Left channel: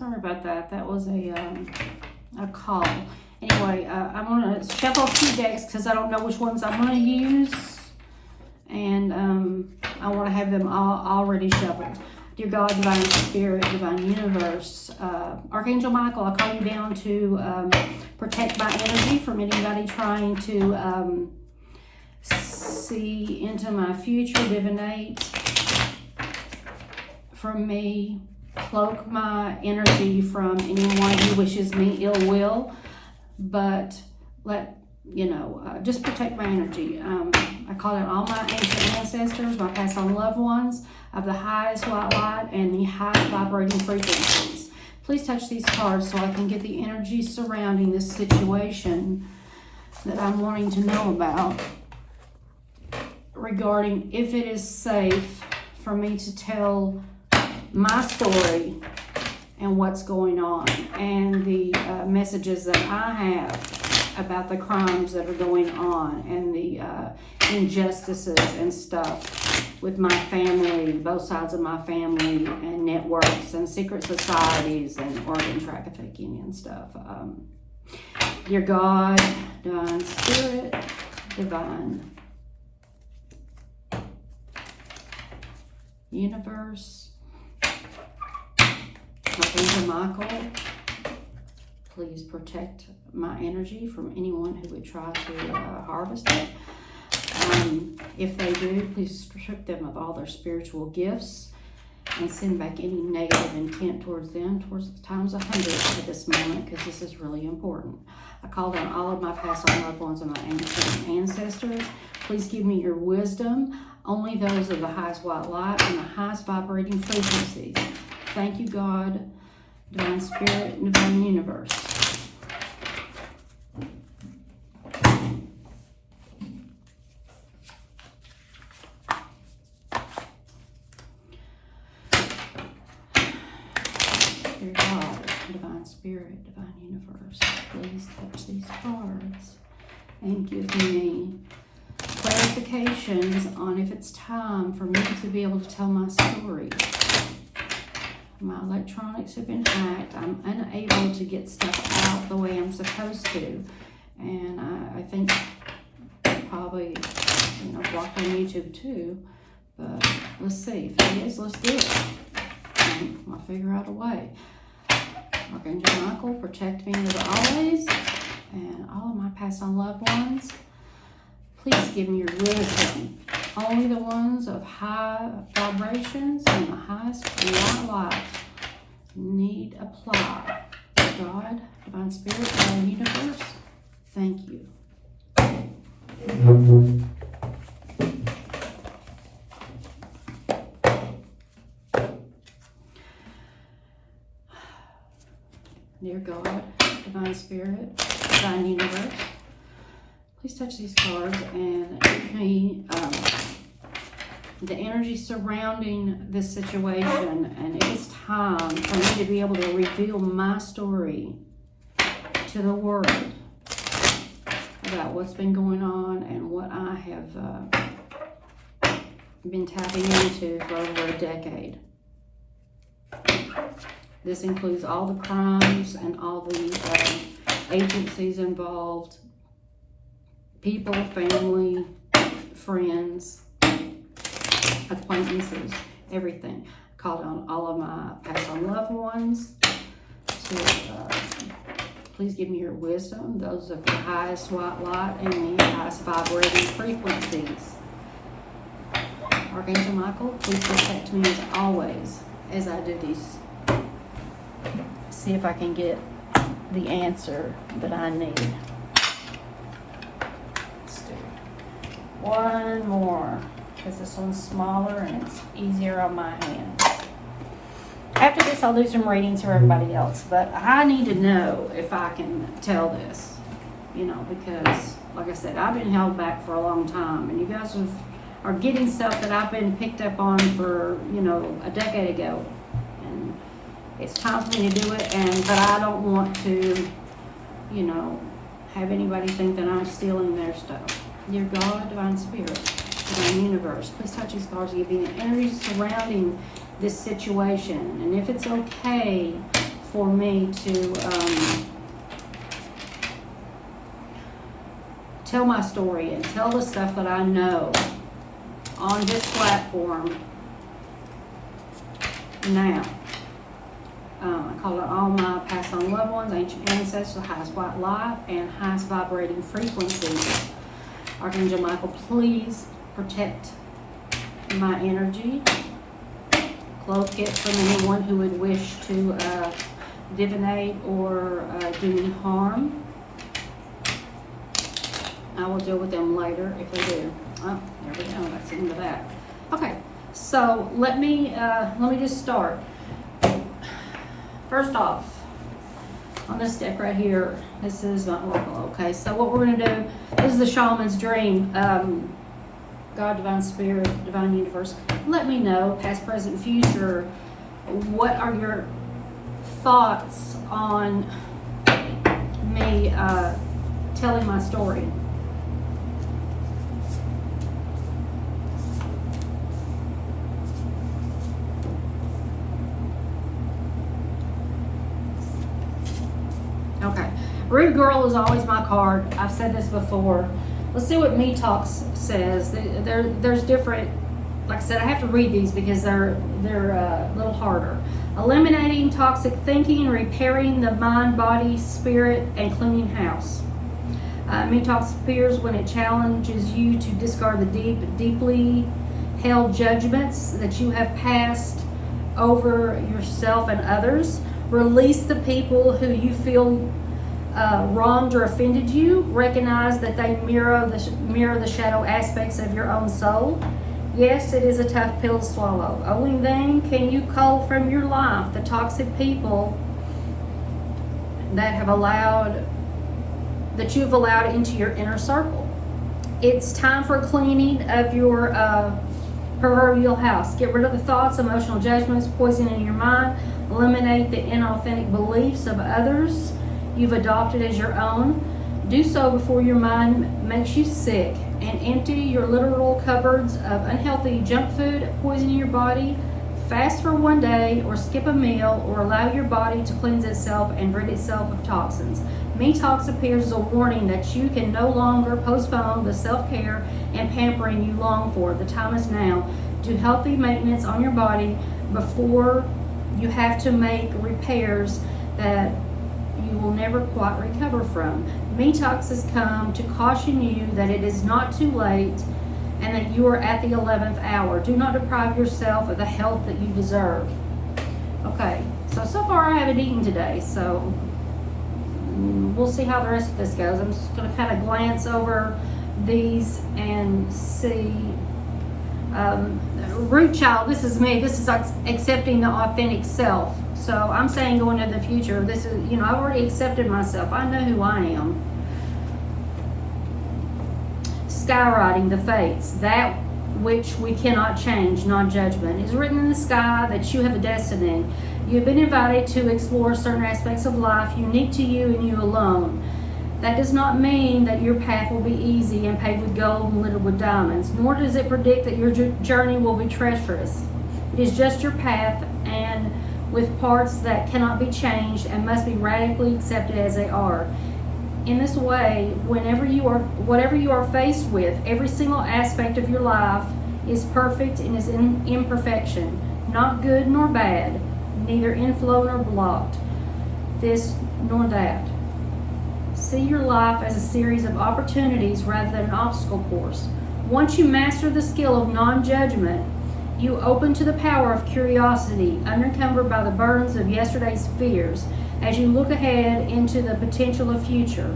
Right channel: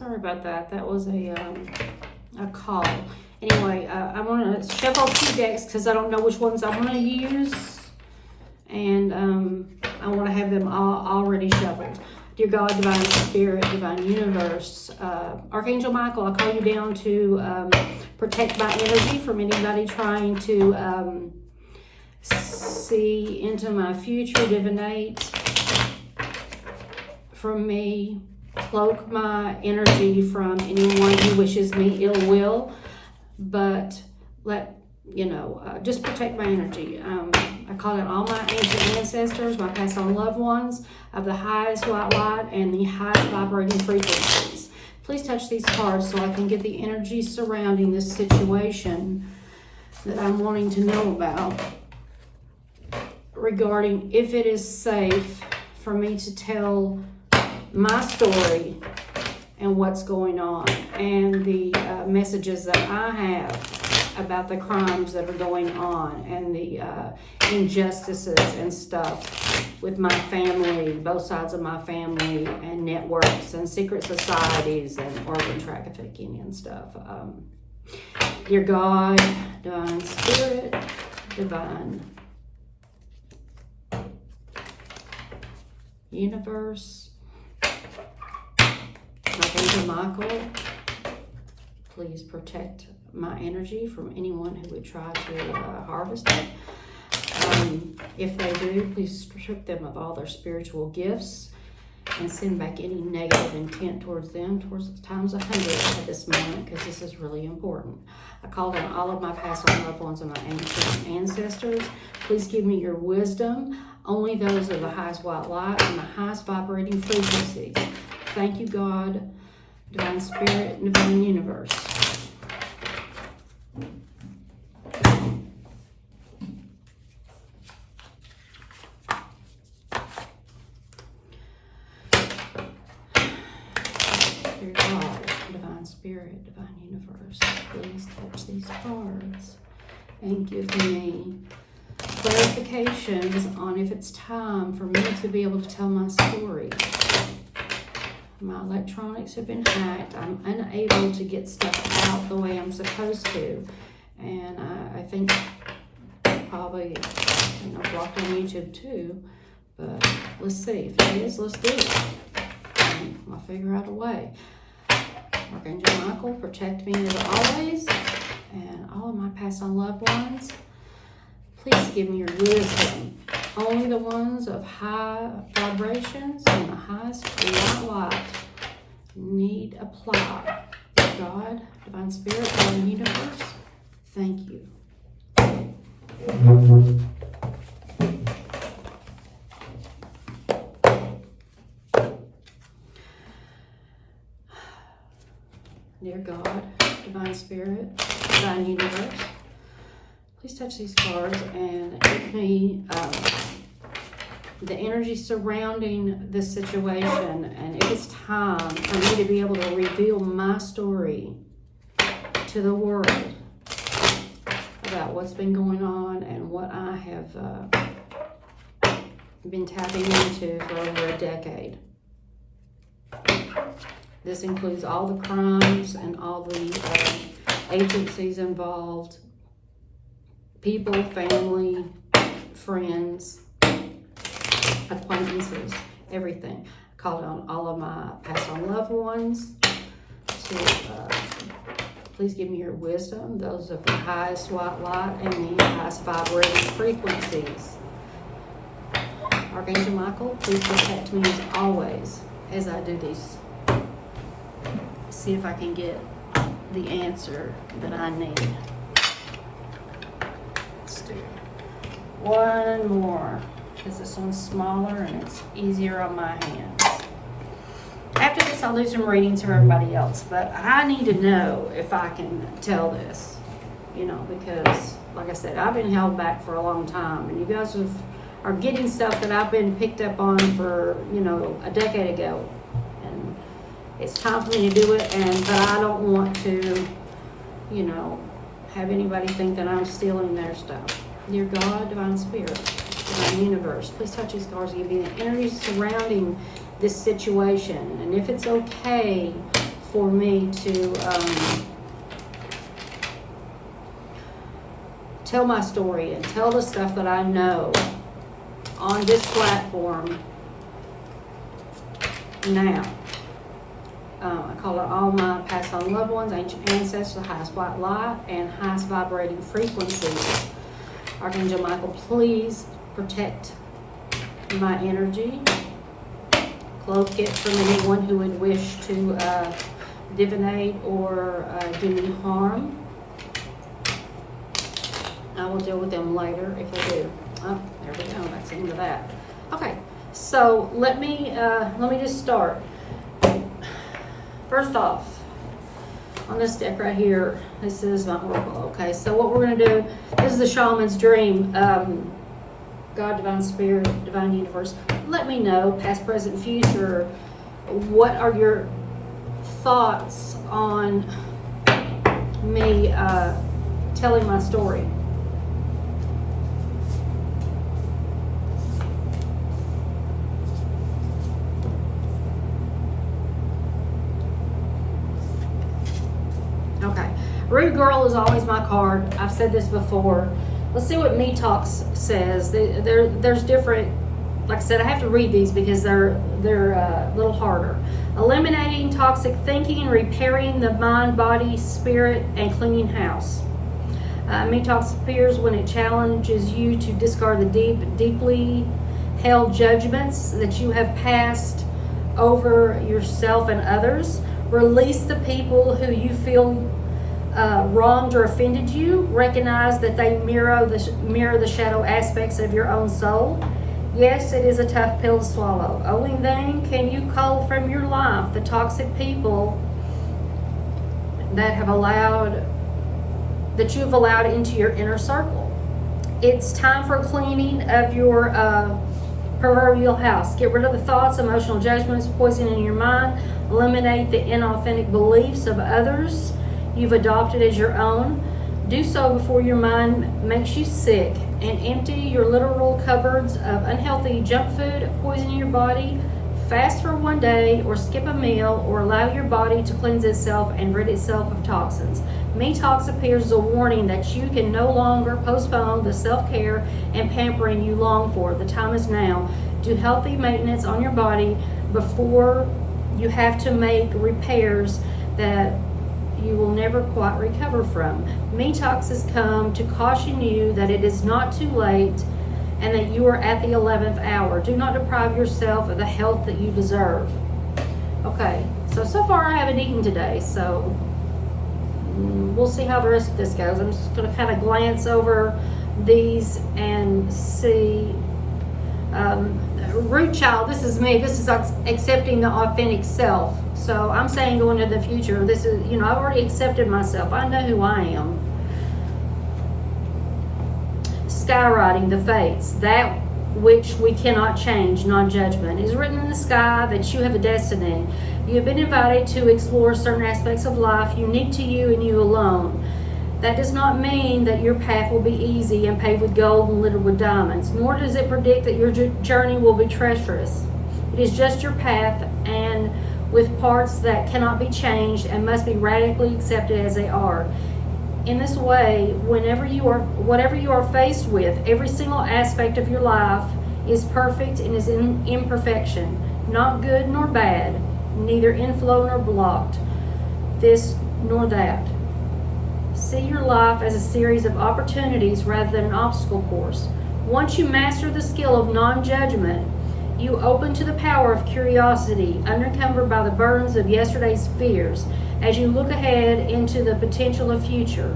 Sorry about that. That was a call. Anyway, I'm going to shuffle 2 decks because I don't know which ones I'm going to use. And I want to have them all already shuffled. Dear God, Divine Spirit, Divine Universe, Archangel Michael, I call you down to protect my energy from anybody trying to see into my future, divinate from me, cloak my energy from anyone who wishes me ill will, but just protect my energy. I call out all my ancient ancestors, my past on loved ones of the highest white light and the highest vibrating frequencies. Please touch these cards so I can get the energy surrounding this situation that I'm wanting to know about, regarding if it is safe for me to tell my story and what's going on, and the messages that I have about the crimes that are going on and the injustices and stuff with my family, both sides of my family, and networks and secret societies and organ trafficking and stuff. Dear God, Divine Spirit, Divine Universe, Archangel Michael, please protect my energy from anyone who would try to harvest it. If they do, please strip them of all their spiritual gifts and send back any negative intent towards them, towards times 100 at this moment, because this is really important. I call down all of my past loved ones and my ancient ancestors. Please give me your wisdom, only those of the highest white light and the highest vibrating frequencies. Thank you, God, Divine Spirit, and Divine Universe. Dear God, Divine Spirit, Divine Universe, please touch these cards and give me clarifications on if it's time for me to be able to tell my story. My electronics have been hacked. I'm unable to get stuff out the way I'm supposed to. And I think probably, blocked on YouTube too. But let's see. If it is, let's do it. And I'll figure out a way. Archangel Michael, protect me as always. And all of my past on loved ones, please give me your wisdom. Only the ones of high vibrations and the highest light need apply. God, Divine Spirit, Divine Universe, thank you. Dear God, Divine Spirit, Divine Universe, please touch these cards and give me the energy surrounding this situation, and if it's time for me to be able to reveal my story to the world about what's been going on and what I have been tapping into for over a decade. This includes all the crimes and all the agencies involved, people, family, friends, acquaintances, everything. I called on all of my past on loved ones to please give me your wisdom, those of the highest white light and the highest vibrating frequencies. Archangel Michael, please protect me as always as I do these. See if I can get the answer that I need. Let's do one more, because this one's smaller and it's easier on my hands. After this, I'll do some readings for everybody else, but I need to know if I can tell this, because, like I said, I've been held back for a long time, and you guys are getting stuff that I've been picked up on for, a decade ago, and it's time for me to do it, but I don't want to, have anybody think that I'm stealing their stuff. Dear God, Divine Spirit, Divine Universe, please touch these cards and give me the energy surrounding this situation, and if it's okay for me to tell my story and tell the stuff that I know on this platform now. I call it all my past on loved ones, ancient ancestors, the highest white light, and highest vibrating frequencies. Archangel Michael, please protect my energy. Cloak it from anyone who would wish to divinate or do me harm. I will deal with them later if they do. Oh, there we go. That's the end of that. Okay, so let me just start. First off, on this deck right here, this is not working. Okay, so what we're going to do, this is the shaman's dream. God, divine spirit, divine universe, let me know, past, present, future, what are your thoughts on me telling my story? Okay, Rude Girl is always my card. I've said this before. Let's see what Me Talks says. There's different, like I said, I have to read these because they're a little harder. Eliminating toxic thinking, repairing the mind, body, spirit, and cleaning house. Me Talks appears when it challenges you to discard the deeply held judgments that you have passed over yourself and others. Release the people who you feel wronged or offended you. Recognize that they mirror the shadow aspects of your own soul. Yes, it is a tough pill to swallow. Only then can you cull from your life the toxic people that you've allowed into your inner circle. It's time for cleaning of your proverbial house. Get rid of the thoughts, emotional judgments, poison in your mind. Eliminate the inauthentic beliefs of others you've adopted as your own. Do so before your mind makes you sick, and empty your literal cupboards of unhealthy junk food, poisoning your body. Fast for one day, or skip a meal, or allow your body to cleanse itself and rid itself of toxins. Me Talks appears as a warning that you can no longer postpone the self-care and pampering you long for. The time is now. Do healthy maintenance on your body before you have to make repairs that you will never quite recover from. Me Talks has come to caution you that it is not too late and that you are at the 11th hour. Do not deprive yourself of the health that you deserve. Okay, so far I haven't eaten today, so we'll see how the rest of this goes. I'm just going to kind of glance over these and see. Root child, this is me. This is accepting the authentic self. So I'm saying going into the future, this is, I've already accepted myself. I know who I am. Skywriting the fates, that which we cannot change, non-judgment. It is written in the sky that you have a destiny. You have been invited to explore certain aspects of life unique to you and you alone. That does not mean that your path will be easy and paved with gold and littered with diamonds, nor does it predict that your journey will be treacherous. It is just your path, and with parts that cannot be changed and must be radically accepted as they are. In this way, whatever you are faced with, every single aspect of your life is perfect and is in imperfection, not good nor bad, neither inflow nor blocked, this nor that. See your life as a series of opportunities rather than an obstacle course. Once you master the skill of non-judgment, you open to the power of curiosity, unencumbered by the burdens of yesterday's fears, as you look ahead into the potential of future.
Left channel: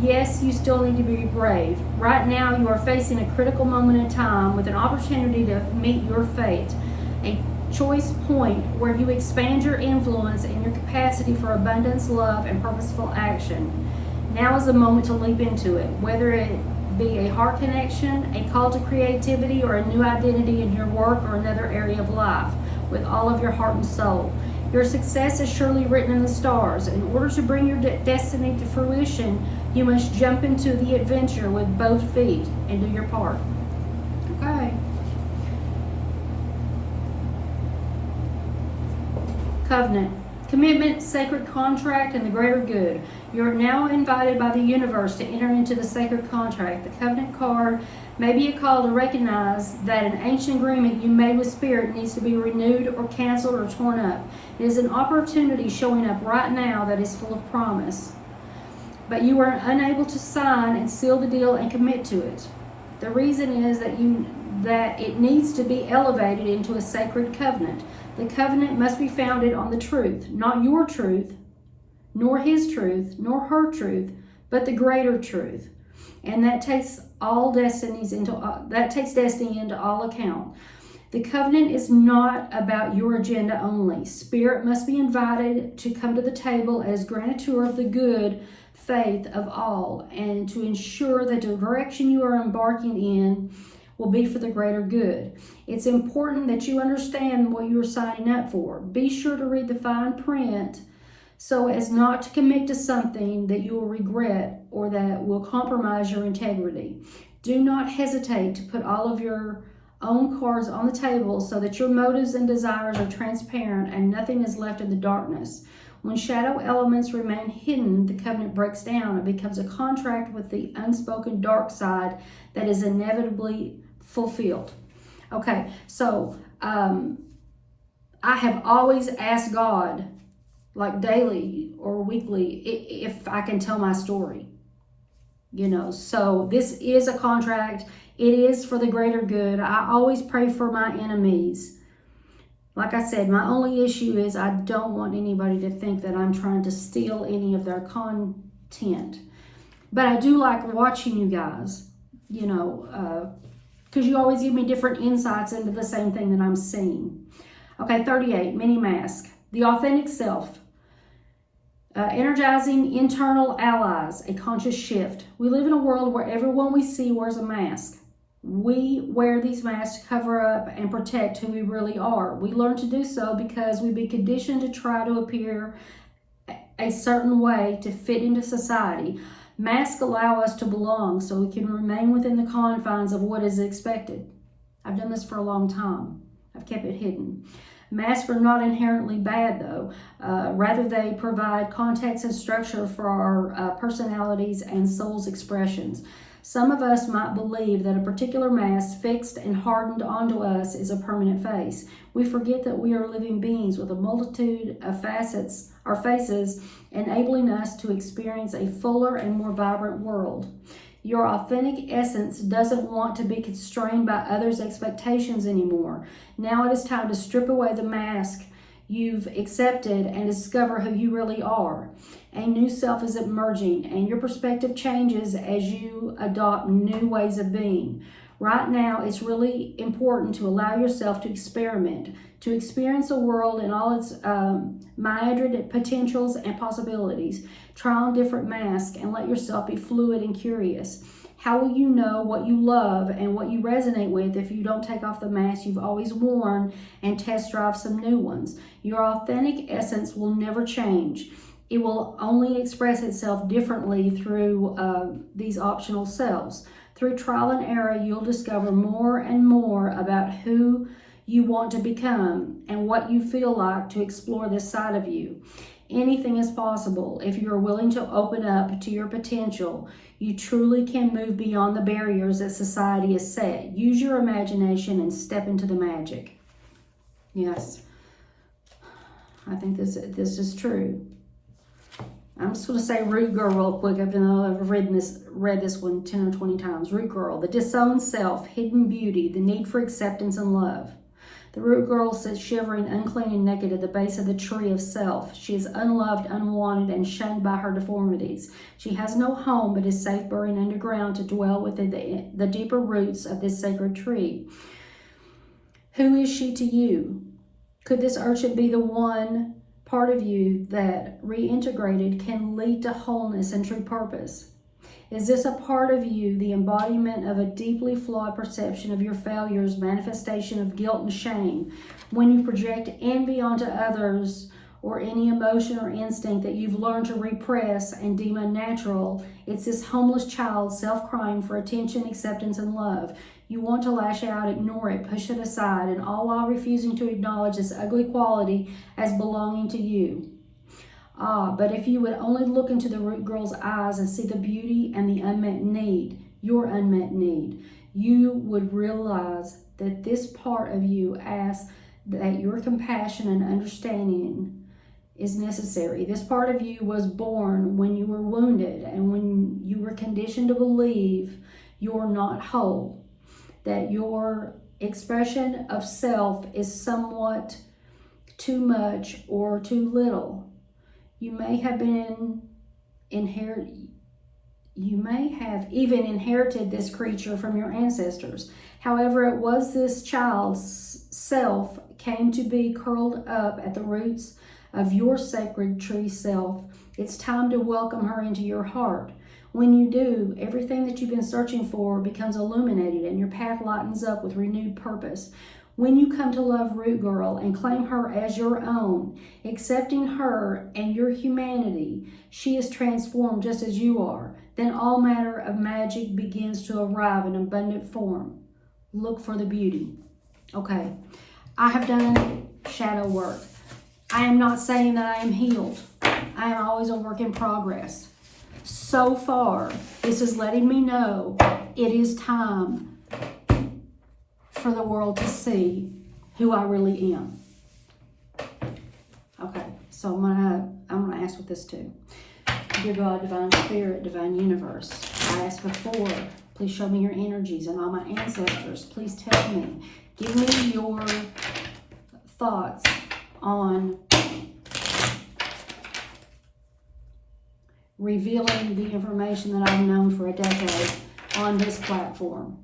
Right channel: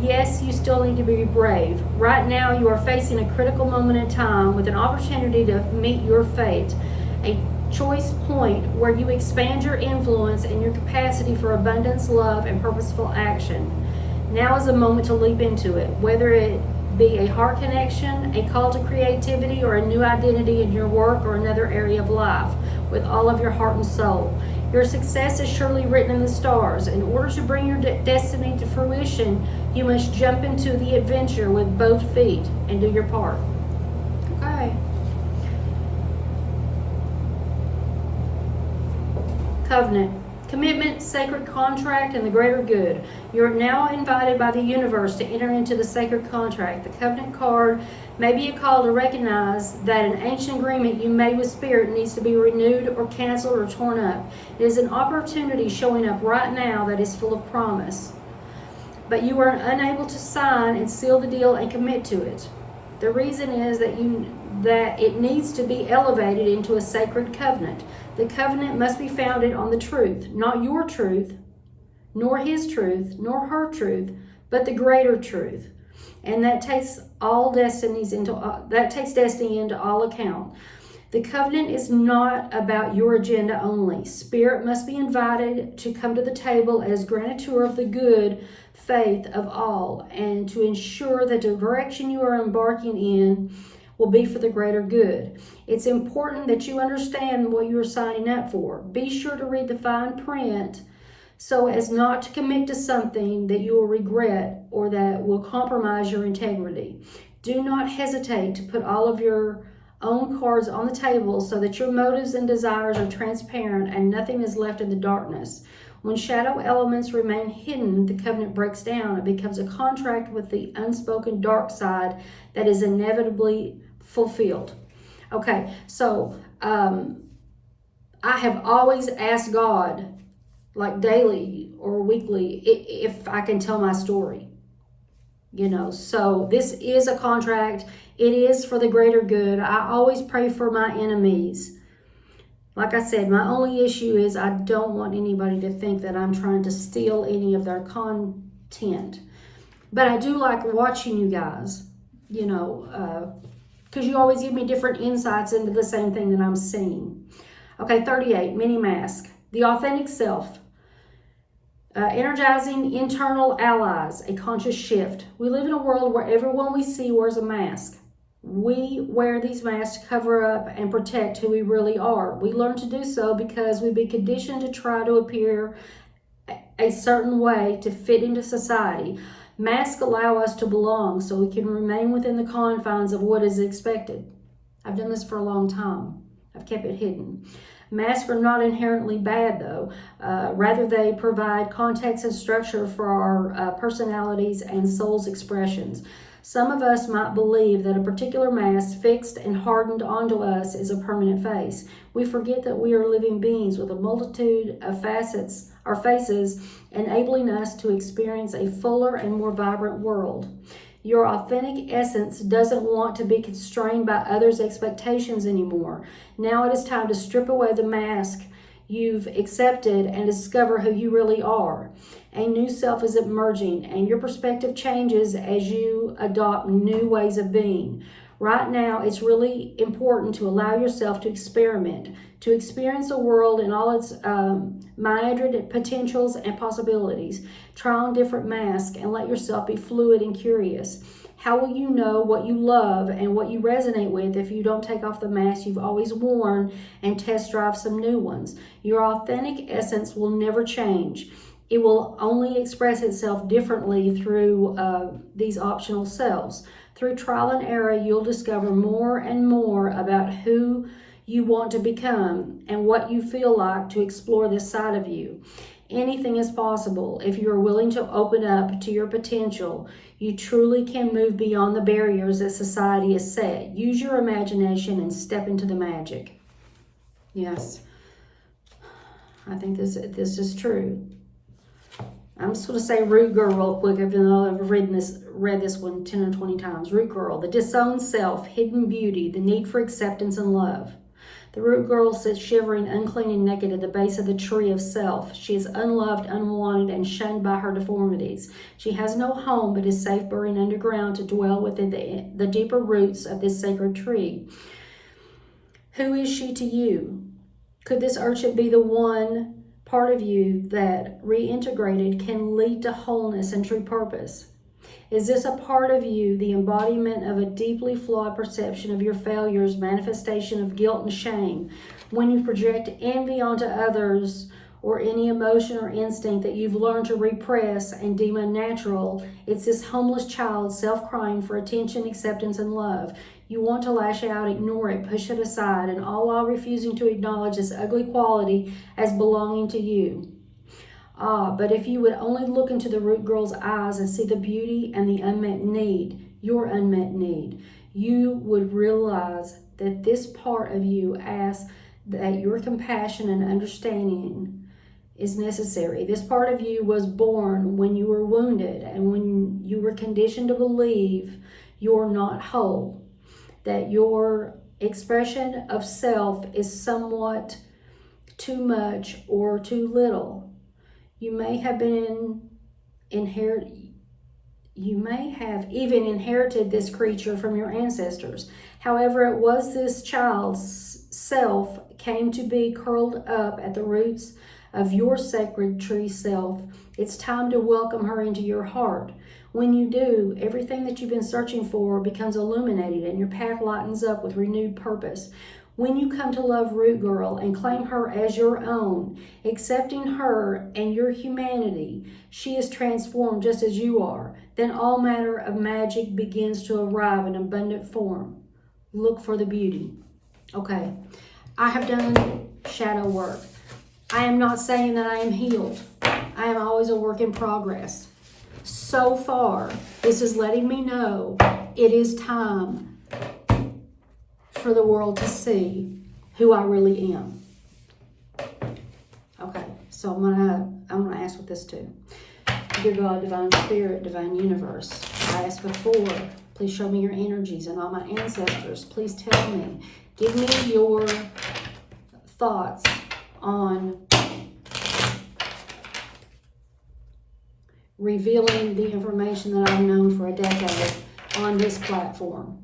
Yes, you still need to be brave. Right now, you are facing a critical moment in time with an opportunity to meet your fate, a choice point where you expand your influence and your capacity for abundance, love, and purposeful action. Now is the moment to leap into it, whether it be a heart connection, a call to creativity, or a new identity in your work or another area of life, with all of your heart and soul. Your success is surely written in the stars. In order to bring your destiny to fruition, you must jump into the adventure with both feet and do your part. Okay. Covenant. Commitment, sacred contract, and the greater good. You're now invited by the universe to enter into the sacred contract. The covenant card may be a call to recognize that an ancient agreement you made with Spirit needs to be renewed or canceled or torn up. It is an opportunity showing up right now that is full of promise. But you are unable to sign and seal the deal and commit to it. The reason is that it needs to be elevated into a sacred covenant. The covenant must be founded on the truth, not your truth, nor his truth, nor her truth, but the greater truth. And that takes destiny into all account. The covenant is not about your agenda only. Spirit must be invited to come to the table as grantor of the good faith of all, and to ensure that the direction you are embarking in will be for the greater good. It's important that you understand what you are signing up for. Be sure to read the fine print so as not to commit to something that you will regret or that will compromise your integrity. Do not hesitate to put all of your own cards on the table so that your motives and desires are transparent and nothing is left in the darkness. When shadow elements remain hidden, the covenant breaks down. It becomes a contract with the unspoken dark side that is inevitably fulfilled. Okay, so I have always asked God, like daily or weekly, if I can tell my story. So this is a contract. It is for the greater good. I always pray for my enemies. Like I said, my only issue is I don't want anybody to think that I'm trying to steal any of their content. But I do like watching you guys, because you always give me different insights into the same thing that I'm seeing. Okay, 38, mini mask. The authentic self. Energizing internal allies, a conscious shift. We live in a world where everyone we see wears a mask. We wear these masks to cover up and protect who we really are. We learn to do so because we've been conditioned to try to appear a certain way to fit into society. Masks allow us to belong so we can remain within the confines of what is expected. I've done this for a long time. I've kept it hidden. Masks are not inherently bad, though. Rather, they provide context and structure for our personalities and soul's expressions. Some of us might believe that a particular mask fixed and hardened onto us is a permanent face. We forget that we are living beings with a multitude of facets, or faces, enabling us to experience a fuller and more vibrant world. Your authentic essence doesn't want to be constrained by others' expectations anymore. Now it is time to strip away the mask you've accepted and discover who you really are. A new self is emerging, and your perspective changes as you adopt new ways of being. Right now, it's really important to allow yourself to experiment, to experience the world in all its myriad potentials and possibilities. Try on different masks and let yourself be fluid and curious. How will you know what you love and what you resonate with if you don't take off the mask you've always worn and test drive some new ones? Your authentic essence will never change. It will only express itself differently through these optional selves. Through trial and error, you'll discover more and more about who you want to become and what you feel like to explore this side of you. Anything is possible if you are willing to open up to your potential. You truly can move beyond the barriers that society has set. Use your imagination and step into the magic. Yes, I think this is true. I'm just going to say root girl real quick, even though I've read this one 10 or 20 times. Root girl, the disowned self, hidden beauty, the need for acceptance and love. The root girl sits shivering, unclean and naked at the base of the tree of self. She is unloved, unwanted, and shunned by her deformities. She has no home but is safe buried underground to dwell within the deeper roots of this sacred tree. Who is she to you? Could this urchin be the one part of you that, reintegrated, can lead to wholeness and true purpose? Is this a part of you, the embodiment of a deeply flawed perception of your failures, manifestation of guilt and shame? When you project envy onto others or any emotion or instinct that you've learned to repress and deem unnatural, it's this homeless child self-crying for attention, acceptance, and love. You want to lash out, ignore it, push it aside, and all while refusing to acknowledge this ugly quality as belonging to you. But if you would only look into the root girl's eyes and see the beauty and the unmet need, your unmet need, you would realize that this part of you asks that your compassion and understanding is necessary. This part of you was born when you were wounded and when you were conditioned to believe you're not whole, that your expression of self is somewhat too much or too little. You may have even inherited this creature from your ancestors. However, it was this child's self came to be curled up at the roots of your sacred tree self. It's time to welcome her into your heart. When you do, everything that you've been searching for becomes illuminated and your path lightens up with renewed purpose. When you come to love Root Girl and claim her as your own, accepting her and your humanity, she is transformed just as you are. Then all matter of magic begins to arrive in abundant form. Look for the beauty. Okay, I have done shadow work. I am not saying that I am healed. I am always a work in progress. So far, this is letting me know it is time for the world to see who I really am. Okay, so I'm gonna ask with this too. Dear God, Divine Spirit, Divine Universe, I asked before, please show me your energies and all my ancestors. Please tell me, give me your thoughts on revealing the information that I've known for a decade on this platform.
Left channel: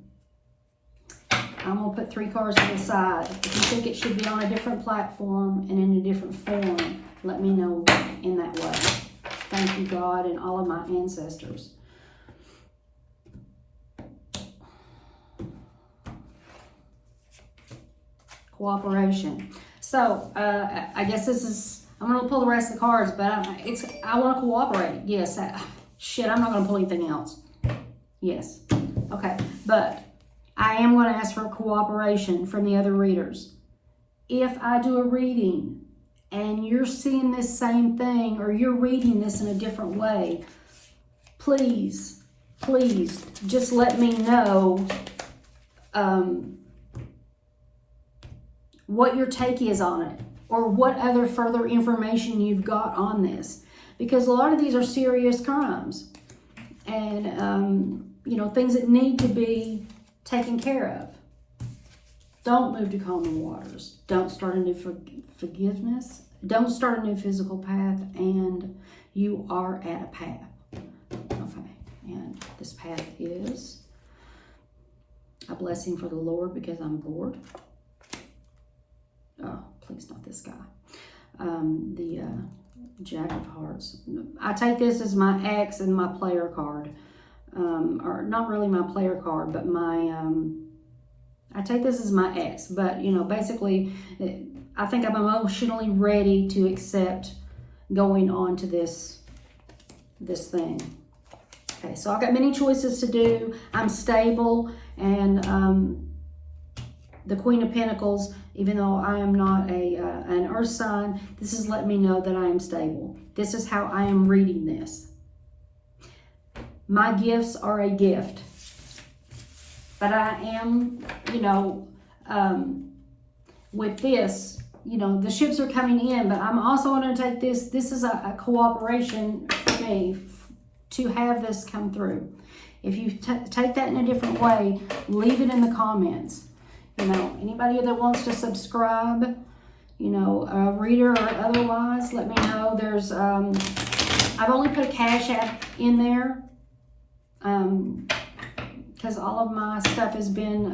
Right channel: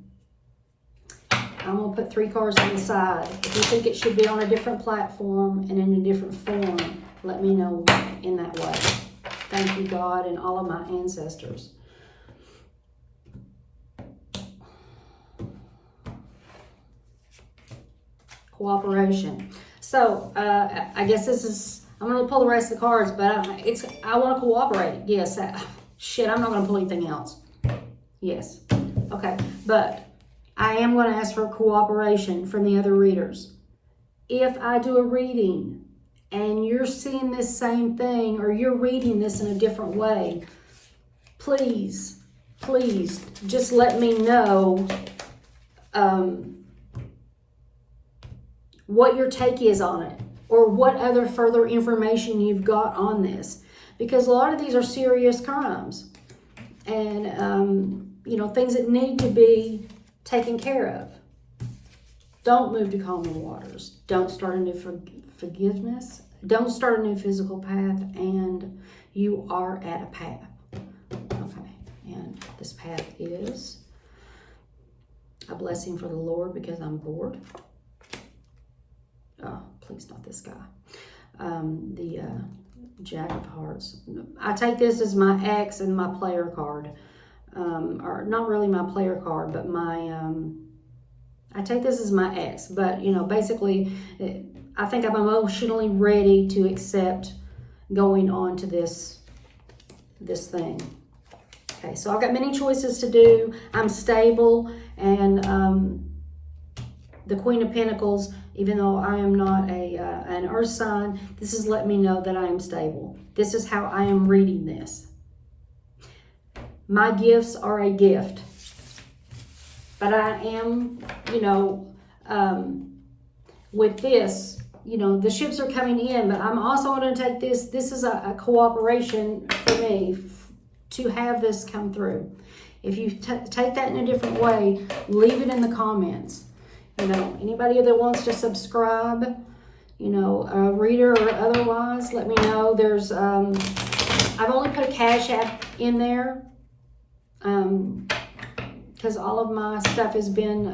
I'm going to put 3 cards on the side. If you think it should be on a different platform and in a different form, let me know in that way. Thank you, God, and all of my ancestors. Cooperation. So, I guess this is, I'm going to pull the rest of the cards, but I want to cooperate. Yes. Shit, I'm not going to pull anything else. Yes. Okay. But I am going to ask for cooperation from the other readers. If I do a reading and you're seeing this same thing or you're reading this in a different way, please just let me know what your take is on it or what other further information you've got on this. Because a lot of these are serious crimes and, things that need to be taken care of. Don't move to calmer waters. Don't start a new forgiveness. Don't start a new physical path, and you are at a path. Okay, and this path is a blessing for the Lord because I'm bored. Oh, please not this guy. The Jack of Hearts. I take this as my ex and my player card. Or not really my player card, but I take this as my ex, but basically I think I'm emotionally ready to accept going on to this thing. Okay, so I've got many choices to do. I'm stable, and the Queen of Pentacles, even though I am not an earth sign, this is letting me know that I am stable. This is how I am reading this. My gifts are a gift, but I am, with this, the ships are coming in, but I'm also going to take this. This is a cooperation for me to have this come through. If you take that in a different way, leave it in the comments. Anybody that wants to subscribe, a reader or otherwise, let me know. There's, I've only put a Cash App in there. Because all of my stuff has been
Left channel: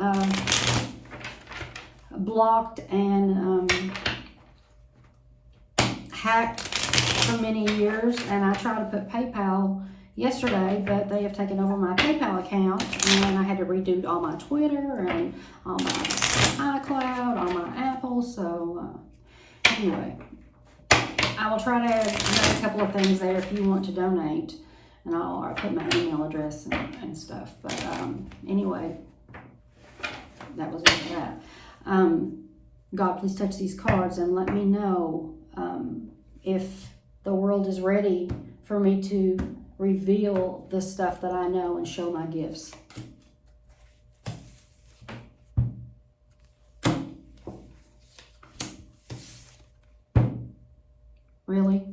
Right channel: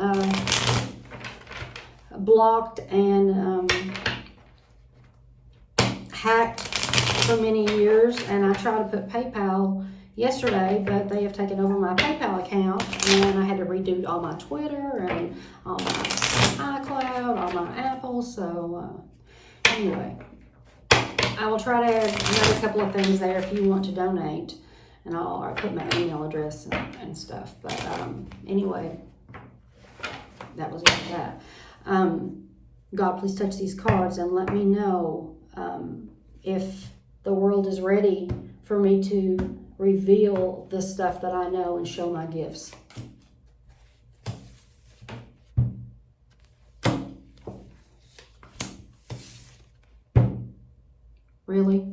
blocked and hacked for many years, and I tried to put PayPal yesterday, but they have taken over my PayPal account, and I had to redo all my Twitter and all my iCloud, all my Apple. So anyway, I will try to add another couple of things there if you want to donate. And I'll put my email address and stuff. But anyway, that was it. That. God, please touch these cards and let me know if the world is ready for me to reveal the stuff that I know and show my gifts. Really?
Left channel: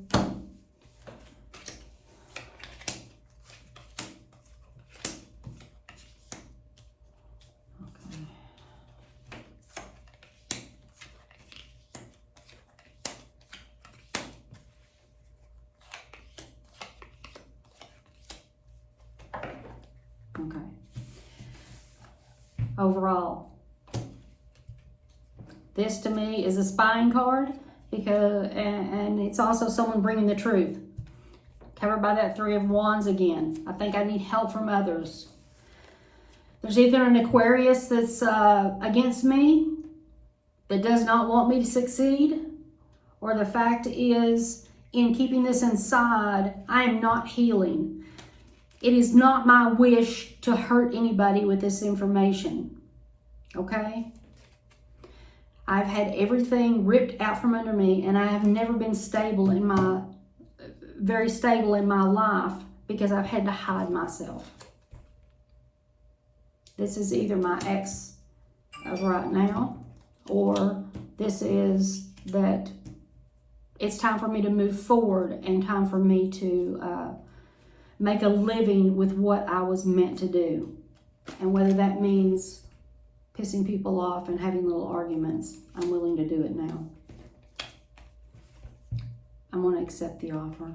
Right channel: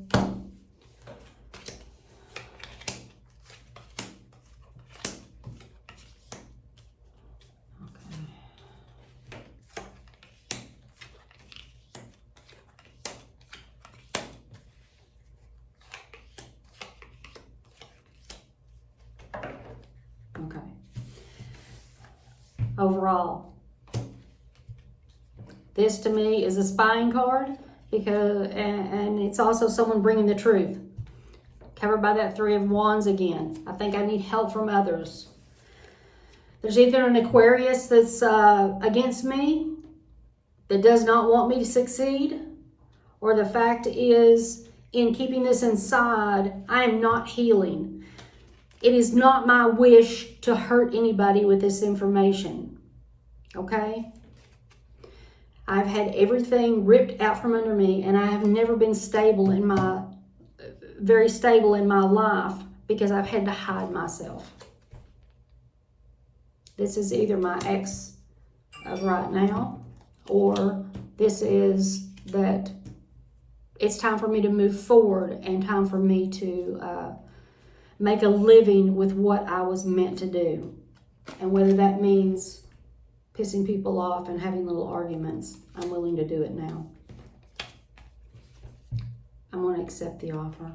Okay. Overall, this to me is a spying card, because and it's also someone bringing the truth. Covered by that Three of Wands again. I think I need help from others. There's either an Aquarius that's against me, that does not want me to succeed, or the fact is, in keeping this inside, I am not healing. It is not my wish to hurt anybody with this information, okay? I've had everything ripped out from under me, and I have never been very stable in my life, because I've had to hide myself. This is either my ex of right now, or this is that it's time for me to move forward and time for me to make a living with what I was meant to do. And whether that means pissing people off and having little arguments, I'm willing to do it now. I'm going to accept the offer.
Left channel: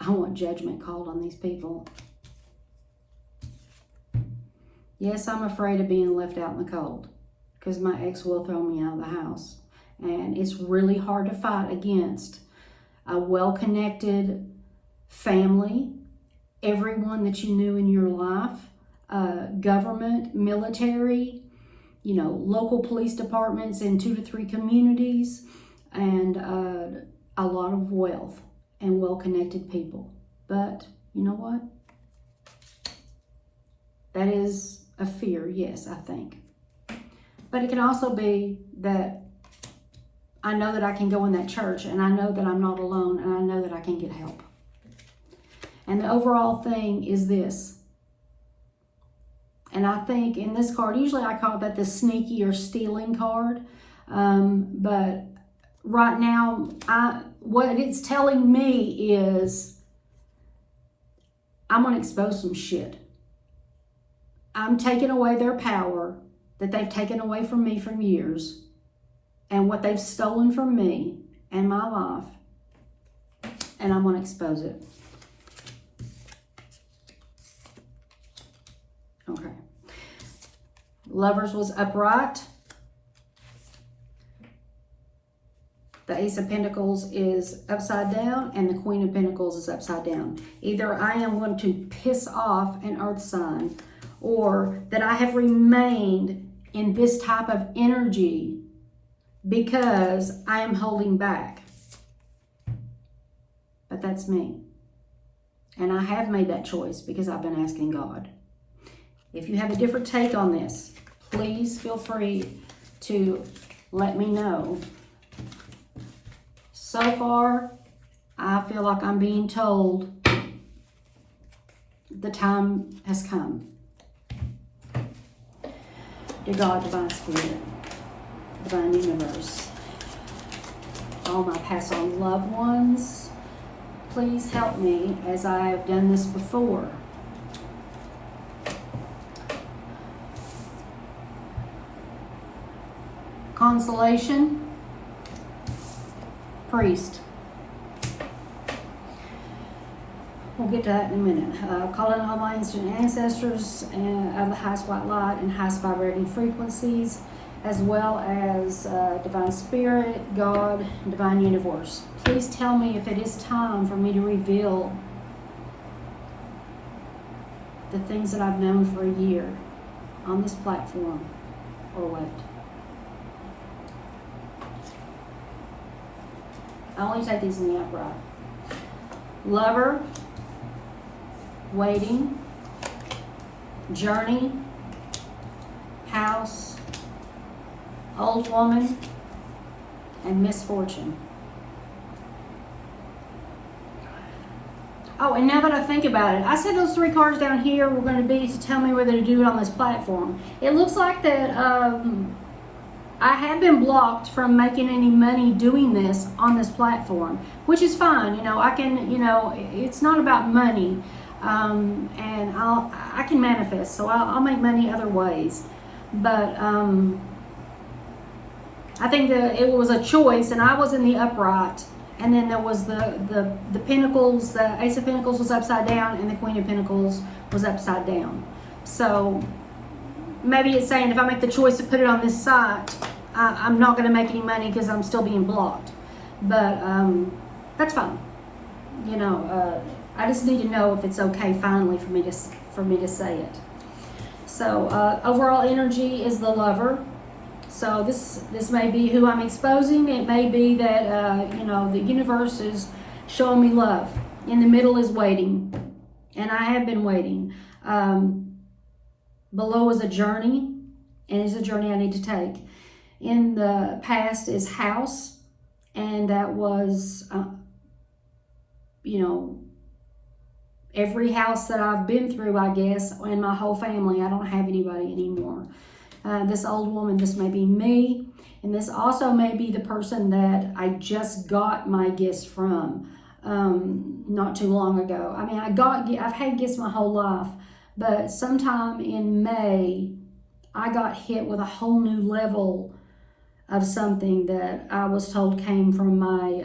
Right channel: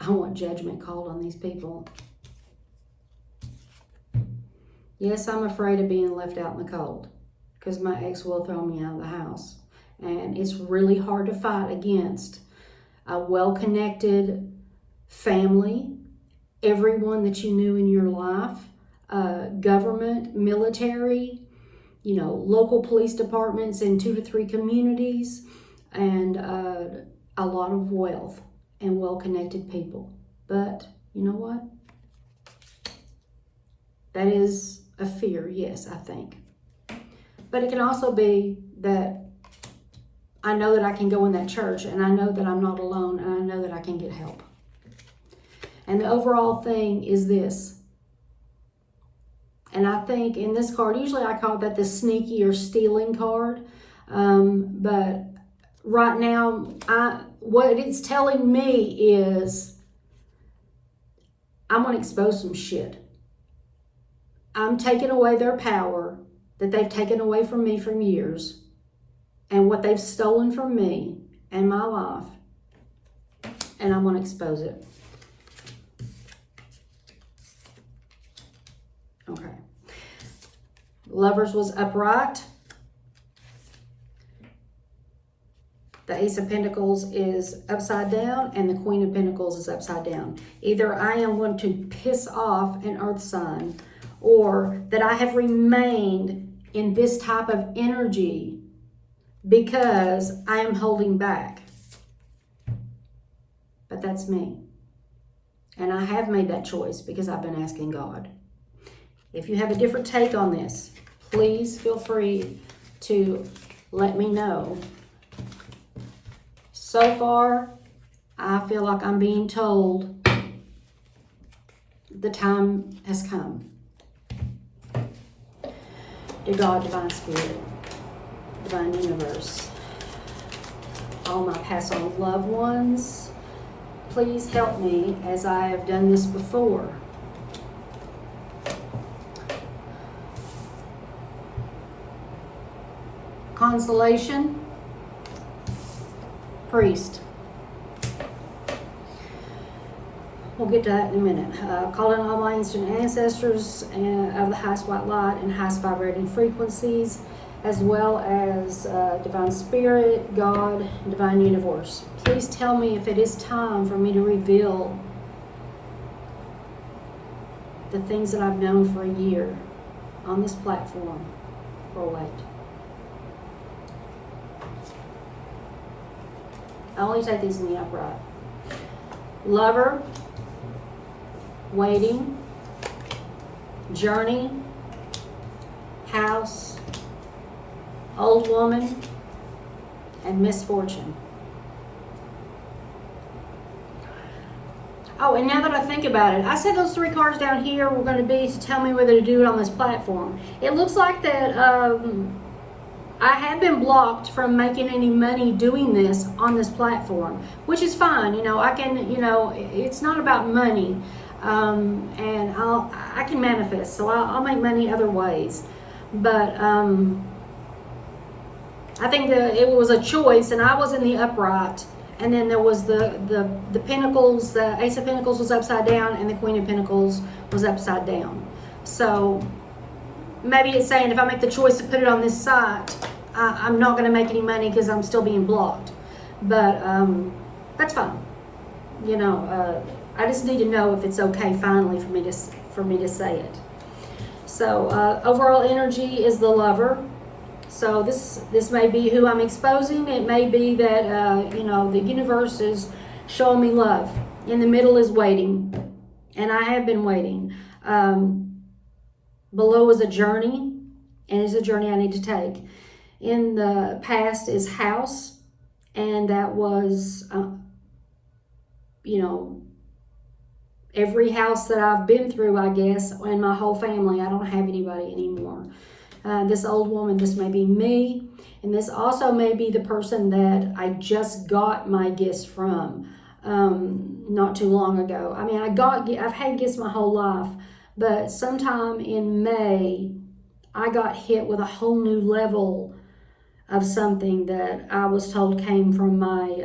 I want judgment called on these people. Yes, I'm afraid of being left out in the cold, because my ex will throw me out of the house. And it's really hard to fight against a well-connected family, everyone that you knew in your life, government, military, local police departments in 2 to 3 communities, and a lot of wealth and well-connected people. But you know what? That is a fear, yes, I think. But it can also be that I know that I can go in that church, and I know that I'm not alone, and I know that I can get help. And the overall thing is this. And I think in this card, usually I call that the sneaky or stealing card. But right now, what it's telling me is I'm going to expose some shit. I'm taking away their power that they've taken away from me for years, and what they've stolen from me and my life, and I'm going to expose it. Okay. Lovers was upright. The Ace of Pentacles is upside down, and the Queen of Pentacles is upside down. Either I am going to piss off an earth sign, or that I have remained in this type of energy because I am holding back. But that's me. And I have made that choice because I've been asking God. If you have a different take on this, please feel free to let me know. So far, I feel like I'm being told the time has come. Dear God, Divine Spirit, Divine Universe, all my past on loved ones, please help me as I have done this before. Consolation, Priest. We'll get to that in a minute. Calling all my ancient ancestors of the highest white light and highest vibrating frequencies, as well as Divine Spirit, God, Divine Universe. Please tell me if it is time for me to reveal the things that I've known for a year on this platform, or wait. I only take these in the upright. Lover, waiting, journey, house, old woman, and misfortune. Oh, and now that I think about it, I said those 3 cards down here were going to be to tell me whether to do it on this platform. It looks like that I have been blocked from making any money doing this on this platform, which is fine. You know, I can, you know, it's not about money, and I can manifest, so I'll make money other ways. But I think that it was a choice, and I was in the upright, and then there was the Pentacles, the Ace of Pentacles was upside down, and the Queen of Pentacles was upside down. So maybe it's saying if I make the choice to put it on this site, I'm not going to make any money because I'm still being blocked. But that's fine. You know, I just need to know if it's okay finally for me to say it. So overall energy is the Lover. So this may be who I'm exposing. It may be that you know, the universe is showing me love. In the middle is waiting, and I have been waiting. Below is a journey, and it's a journey I need to take. In the past is house, and that was you know, every house that I've been through, I guess, and my whole family. I don't have anybody anymore. This old woman, this may be me, and this also may be the person that I just got my gifts from not too long ago. I mean, I've had gifts my whole life, but sometime in May, I got hit with a whole new level of something that I was told came from my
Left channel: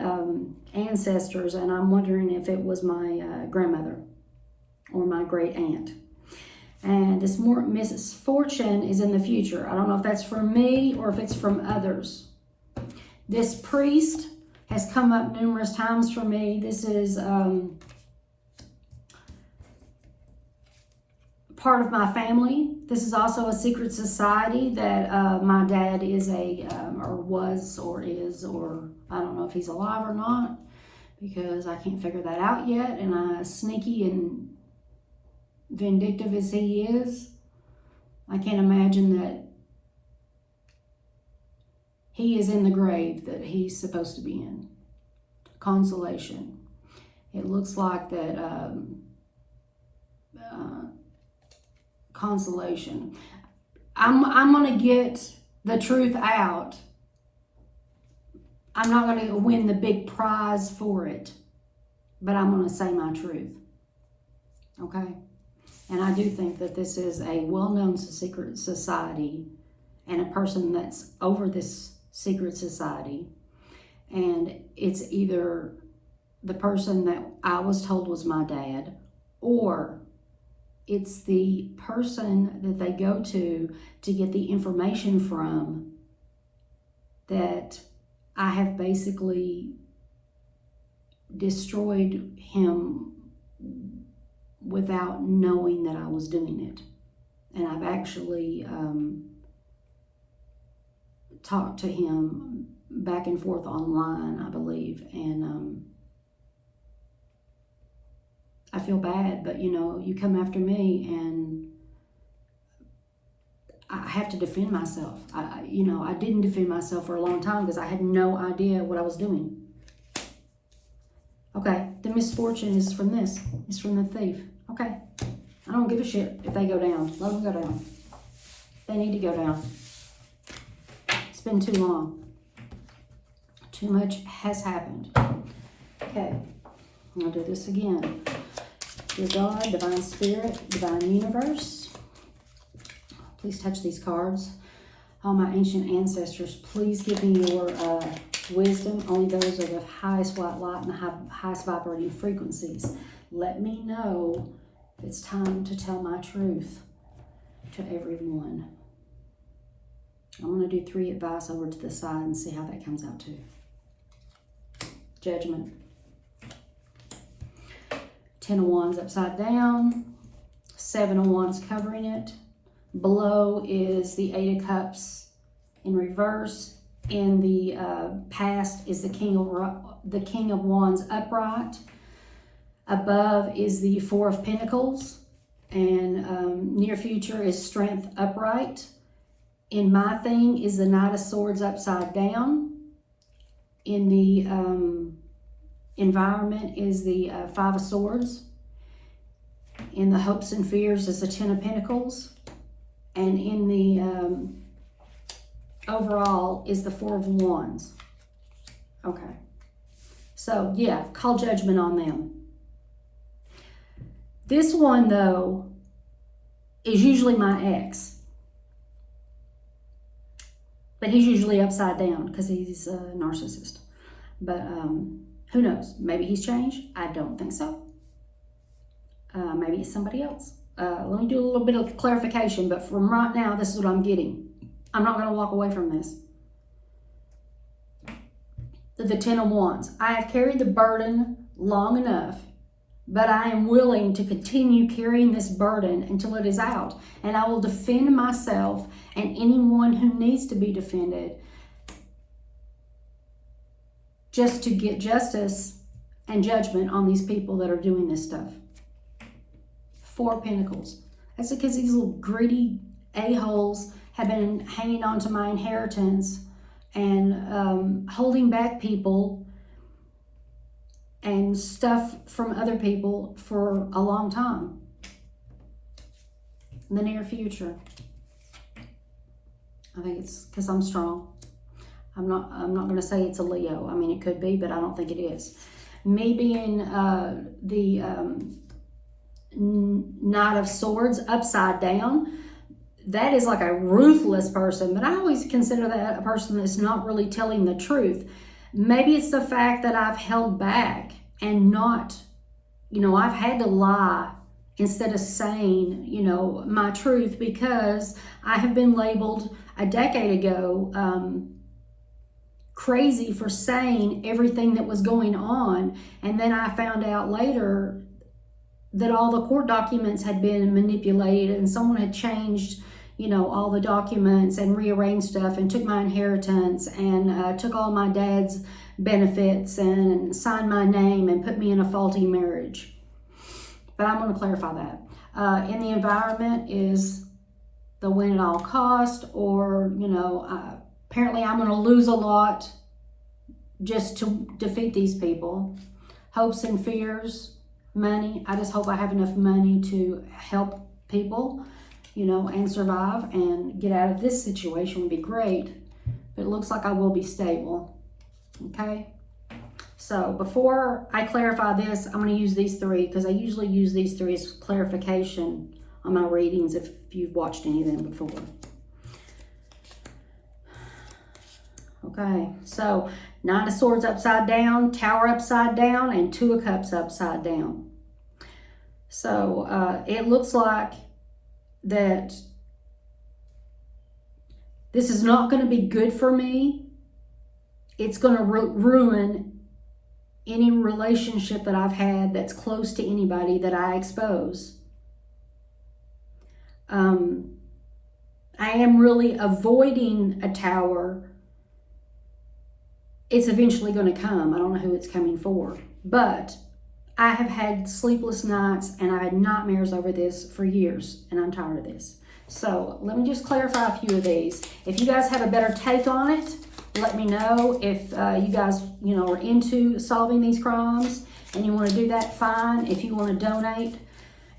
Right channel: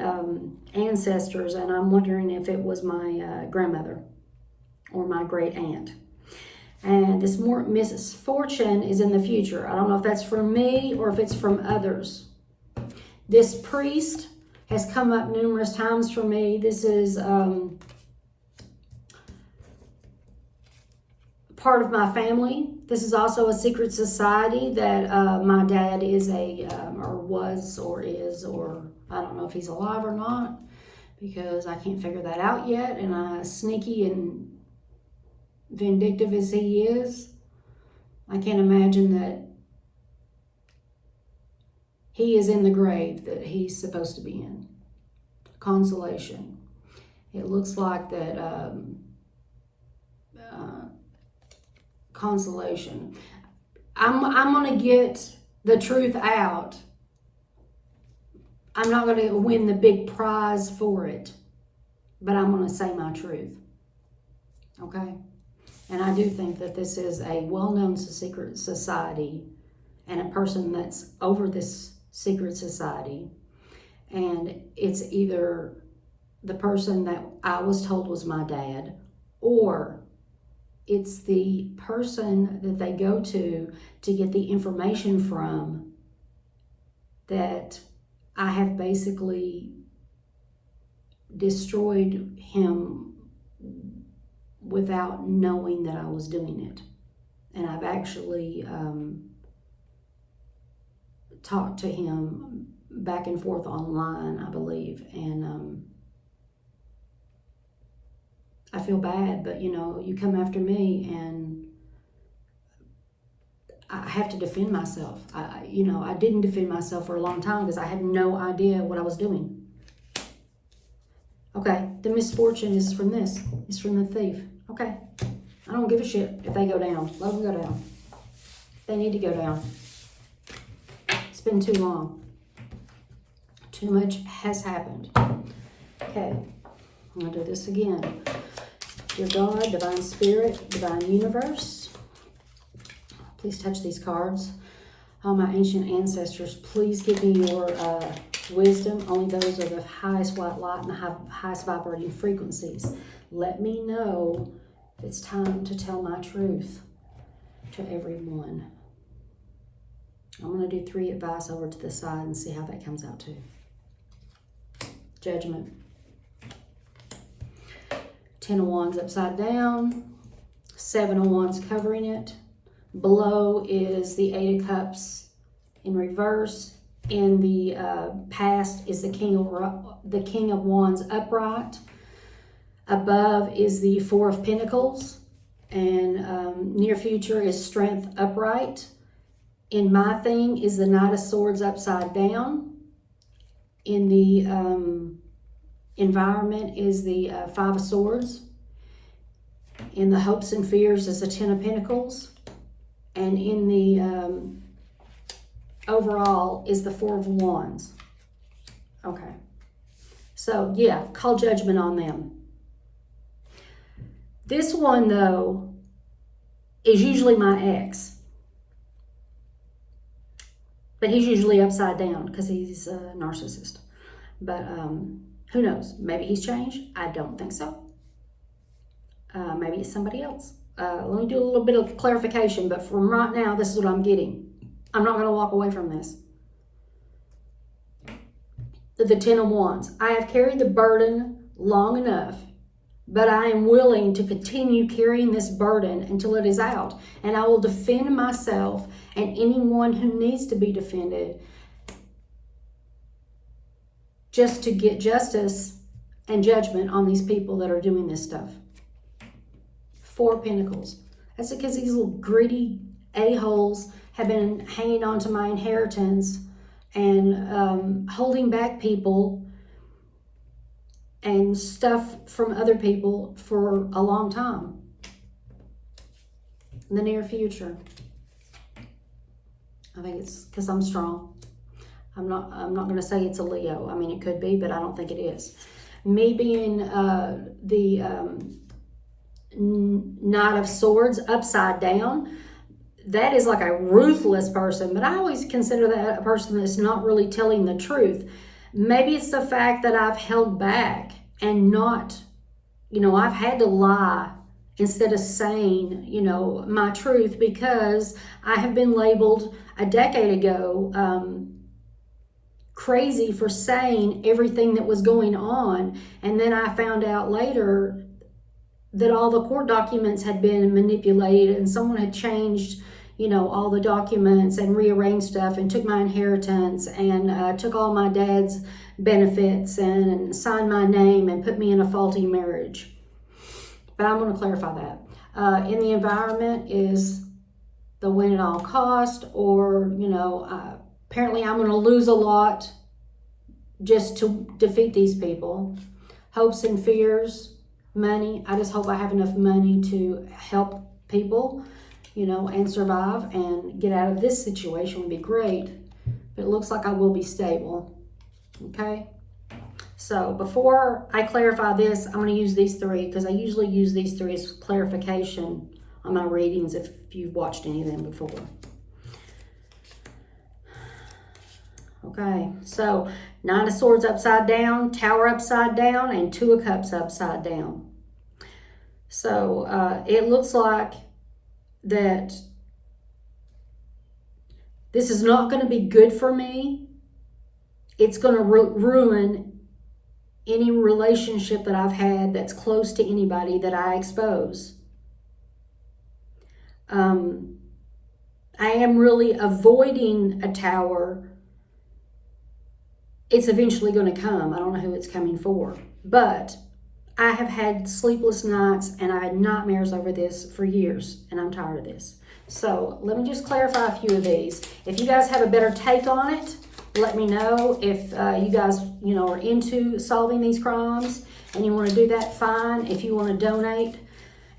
ancestors, and I'm wondering if it was my grandmother or my great aunt. And this misfortune is in the future. I don't know if that's from me or if it's from others. This priest has come up numerous times for me. This is part of my family. This is also a secret society that my dad is or was, or is, or I don't know if he's alive or not, because I can't figure that out yet. And I, sneaky and vindictive as he is, I can't imagine that he is in the grave that he's supposed to be in. Consolation. It looks like that consolation. I'm going to get the truth out. I'm not going to win the big prize for it, but I'm going to say my truth. Okay? And I do think that this is a well-known secret society and a person that's over this secret society. And it's either the person that I was told was my dad, or it's the person that they go to get the information from, that I have basically destroyed him without knowing that I was doing it. And I've actually talked to him back and forth online, I believe. And I feel bad, but you know, you come after me and I have to defend myself. You know, I didn't defend myself for a long time because I had no idea what I was doing. Okay, the misfortune is from this. It's from the thief. Okay, I don't give a shit if they go down. Let them go down. They need to go down. It's been too long. Too much has happened. Okay, I'm going to do this again. Dear God, Divine Spirit, Divine Universe, please touch these cards. All my ancient ancestors, please give me your wisdom. Only those are the highest white light and the highest vibrating frequencies. Let me know if it's time to tell my truth to everyone. I'm going to do 3 advice over to the side and see how that comes out too. Judgment. 10 of Wands upside down. 7 of Wands covering it. Below is the 8 of Cups in reverse. In the past is the King of Wands upright. Above is the 4 of Pentacles, and near future is Strength upright. In my thing is the Knight of Swords upside down. In the environment is the Five of Swords. In the hopes and fears is the Ten of Pentacles. And in the overall is the Four of Wands. Okay. So, yeah, call judgment on them. This one, though, is usually my ex. But he's usually upside down because he's a narcissist. But who knows? Maybe he's changed. I don't think so. Maybe it's somebody else. Let me do a little bit of clarification. But from right now, this is what I'm getting. I'm not going to walk away from this. The Ten of Wands. I have carried the burden long enough, but I am willing to continue carrying this burden until it is out. And I will defend myself and anyone who needs to be defended just to get justice and judgment on these people that are doing this stuff. Four of Pentacles. That's because these little greedy a-holes have been hanging on to my inheritance and holding back people and stuff from other people for a long time. In the near future. I think it's because I'm strong. I'm not going to say it's a Leo. I mean, it could be, but I don't think it is. Me being the Knight of Swords upside down, that is like a ruthless person, but I always consider that a person that's not really telling the truth. Maybe it's the fact that I've held back and not, I've had to lie instead of saying, my truth, because I have been labeled a decade ago crazy for saying everything that was going on. And then I found out later that all the court documents had been manipulated and someone had changed, all the documents and rearranged stuff and took my inheritance and took all my dad's benefits and signed my name and put me in a faulty marriage. But I'm going to clarify that. In the environment is the win at all cost, or, apparently I'm going to lose a lot just to defeat these people. Hopes and fears, money. I just hope I have enough money to help people, and survive and get out of this situation would be great. But it looks like I will be stable. Okay? So before I clarify this, I'm going to use these three because I usually use these three as clarification on my readings if you've watched any of them before. Okay, so Nine of Swords upside down, Tower upside down, and Two of Cups upside down. So it looks like that this is not going to be good for me. It's going to ruin any relationship that I've had that's close to anybody that I expose. I am really avoiding a tower. It's eventually going to come. I don't know who it's coming for. But I have had sleepless nights and I had nightmares over this for years. And I'm tired of this. So let me just clarify a few of these. If you guys have a better take on it, let me know. If you guys, are into solving these crimes and you want to do that, fine. If you want to donate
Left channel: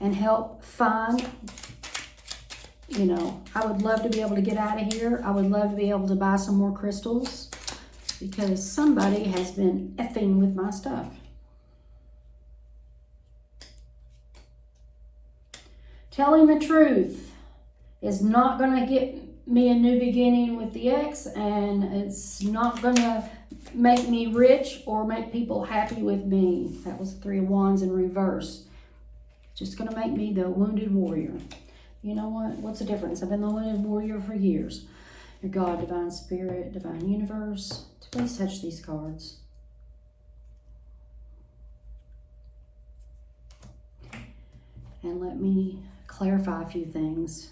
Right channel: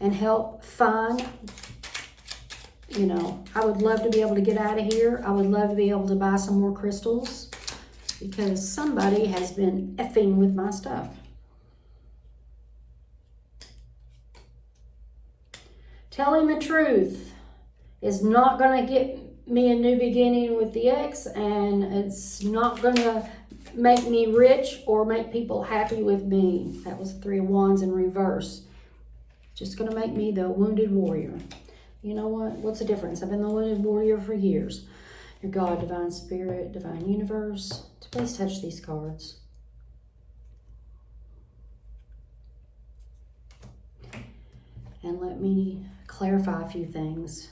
and help, fine. I would love to be able to get out of here. I would love to be able to buy some more crystals because somebody has been effing with my stuff. Telling the truth is not going to get me a new beginning with the ex, and it's not going to make me rich or make people happy with me. That was Three of Wands in reverse. Just going to make me the wounded warrior. You know what? What's the difference? I've been the wounded warrior for years. Your God, Divine Spirit, Divine Universe, please touch these cards. And let me clarify a few things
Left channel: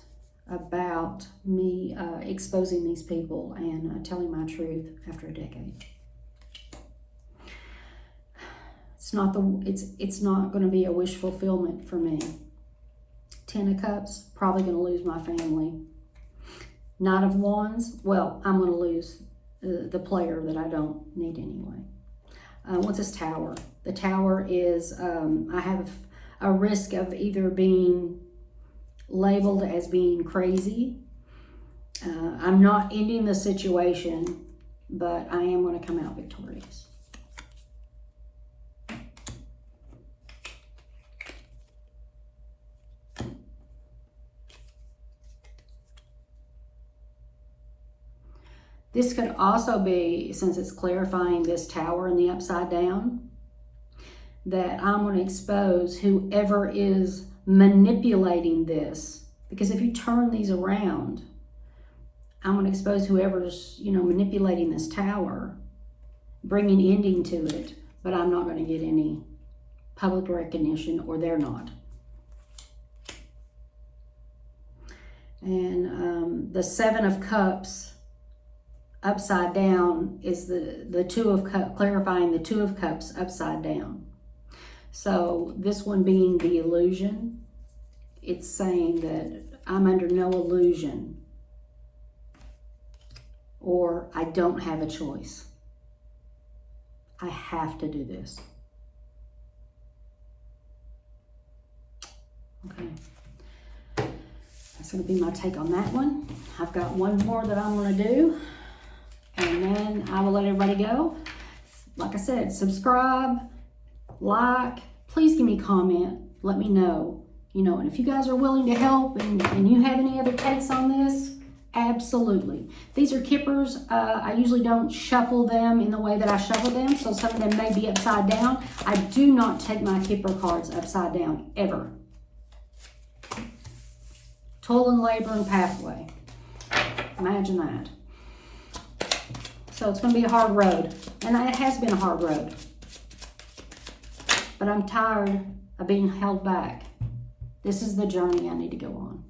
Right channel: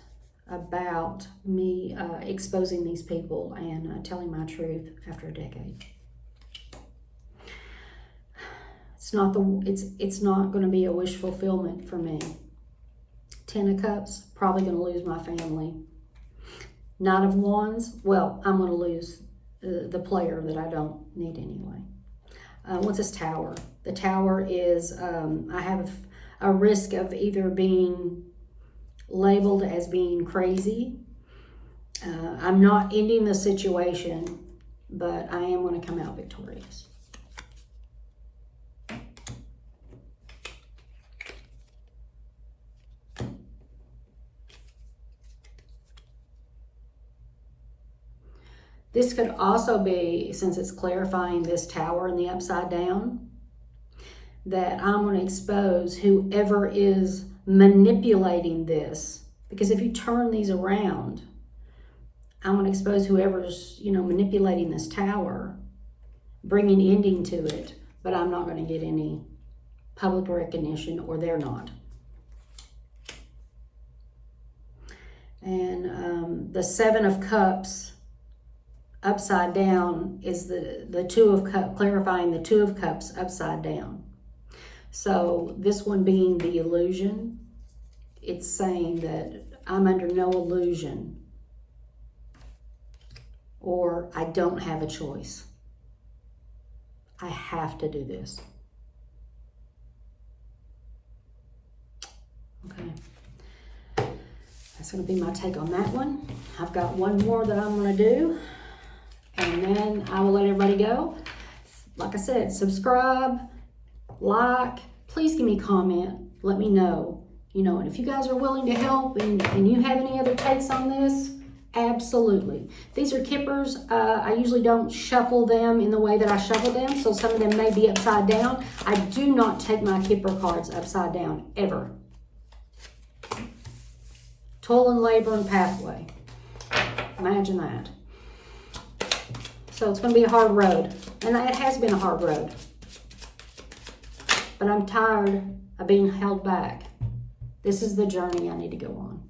about me exposing these people and telling my truth after a decade. It's not going to be a wish fulfillment for me. Ten of Cups, probably going to lose my family. Knight of Wands, well, I'm going to lose the player that I don't need anyway. What's this tower? The tower is, I have a risk of either being labeled as being crazy. I'm not ending the situation, but I am going to come out victorious. This could also be, since it's clarifying this tower in the upside down, that I'm going to expose whoever is manipulating this. Because if you turn these around, I'm going to expose whoever's, manipulating this tower, bringing ending to it, but I'm not going to get any public recognition, or they're not. And the Seven of Cups upside down is the Two of Cups, clarifying the Two of Cups upside down. So this one being the illusion, it's saying that I'm under no illusion, or I don't have a choice. I have to do this. Okay. That's going to be my take on that one. I've got one more that I'm going to do, and then I will let everybody go. Like I said, subscribe, like, please give me a comment, let me know, and if you guys are willing to help and you have any other takes on this, absolutely. These are kippers. I usually don't shuffle them in the way that I shuffle them, so some of them may be upside down. I do not take my kipper cards upside down, ever. Toil and labor and pathway. Imagine that. So it's going to be a hard road, and it has been a hard road. But I'm tired of being held back. This is the journey I need to go on.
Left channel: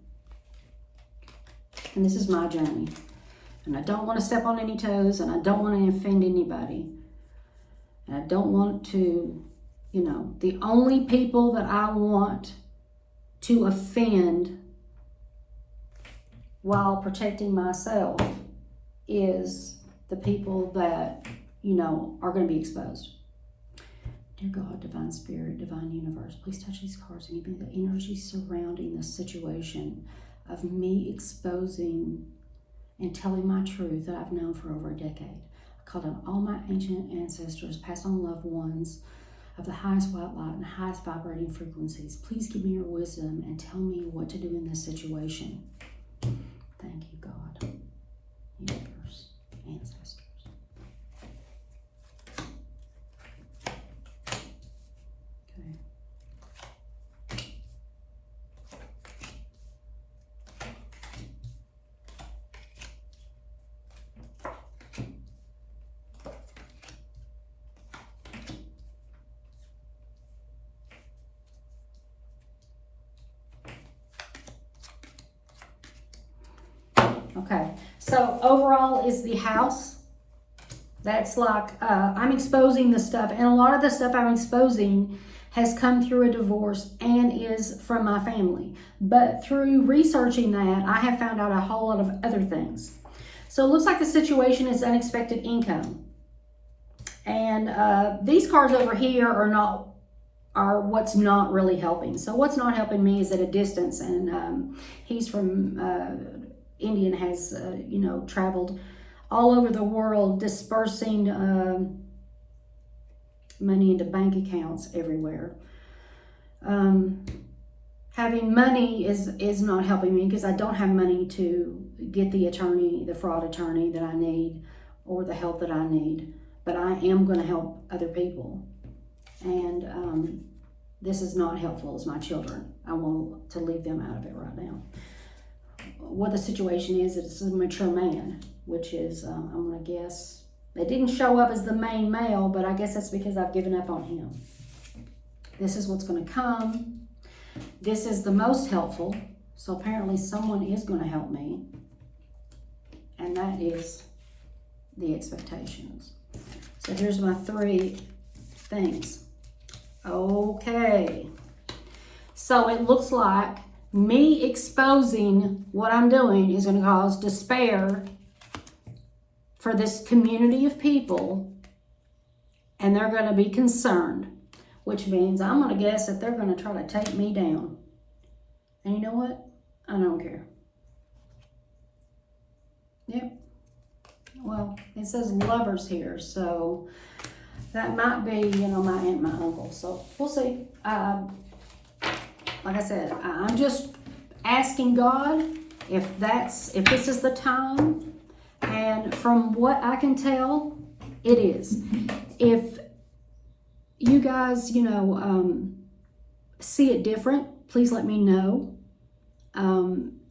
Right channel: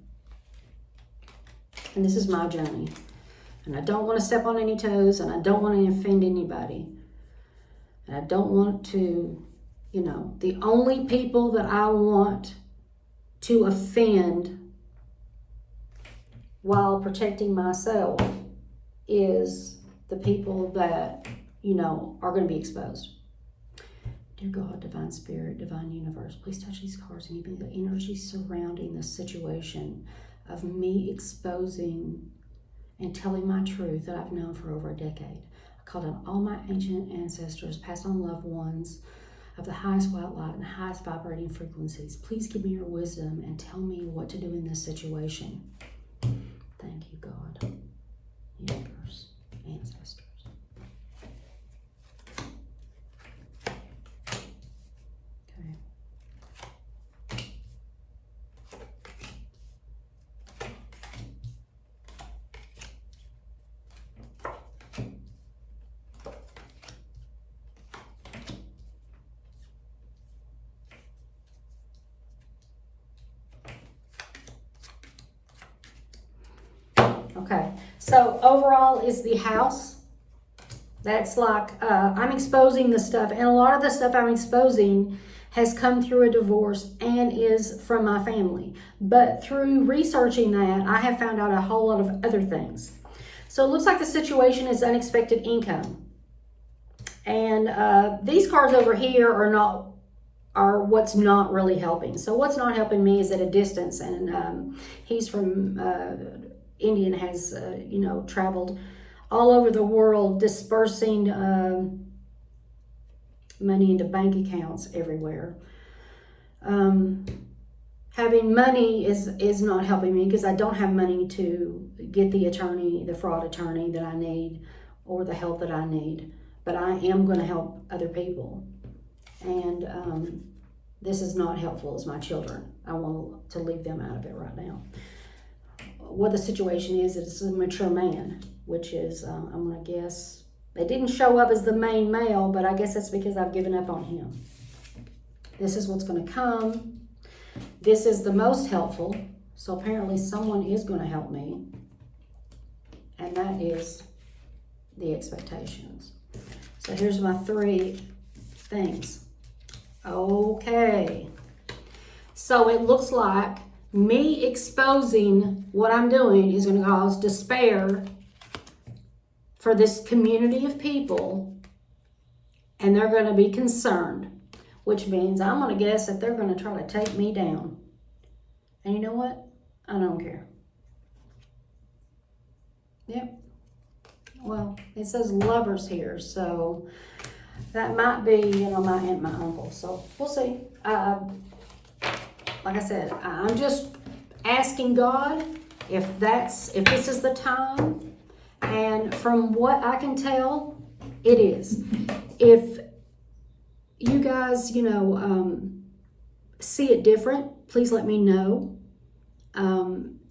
And this is my journey. And I don't want to step on any toes, and I don't want to offend anybody. And I don't want to, the only people that I want to offend while protecting myself is the people that, are going to be exposed. Dear God, Divine Spirit, Divine Universe, please touch these cards and give me the energy surrounding this situation of me exposing and telling my truth that I've known for over a decade. I call on all my ancient ancestors, past on loved ones of the highest white light and highest vibrating frequencies. Please give me your wisdom and tell me what to do in this situation. Thank you, God, universe, ancestors. Okay, so overall is the house. That's like, I'm exposing the stuff, and a lot of the stuff I'm exposing has come through a divorce and is from my family. But through researching that, I have found out a whole lot of other things. So it looks like the situation is unexpected income. And these cards over here are what's not really helping. So what's not helping me is at a distance, and he's from Indian, has, traveled all over the world dispersing money into bank accounts everywhere. Having money is not helping me because I don't have money to get the attorney, the fraud attorney that I need, or the help that I need. But I am going to help other people. And this is not helpful as my children. I want to leave them out of it right now. What the situation is, it's a mature man, which is, I'm going to guess, they didn't show up as the main male, but I guess that's because I've given up on him. This is what's going to come. This is the most helpful, so apparently someone is going to help me, and that is the expectations. So here's my 3 things. Okay, so it looks like me exposing what I'm doing is going to cause despair for this community of people and they're going to be concerned, which means I'm going to guess that they're going to try to take me down. And you know what? I don't care. Yep. Well, it says lovers here, so that might be, you know, my aunt and my uncle. So we'll see. Like I said, I'm just asking God if this is the time. And from what I can tell, it is. If you guys, you know, see it different, please let me know.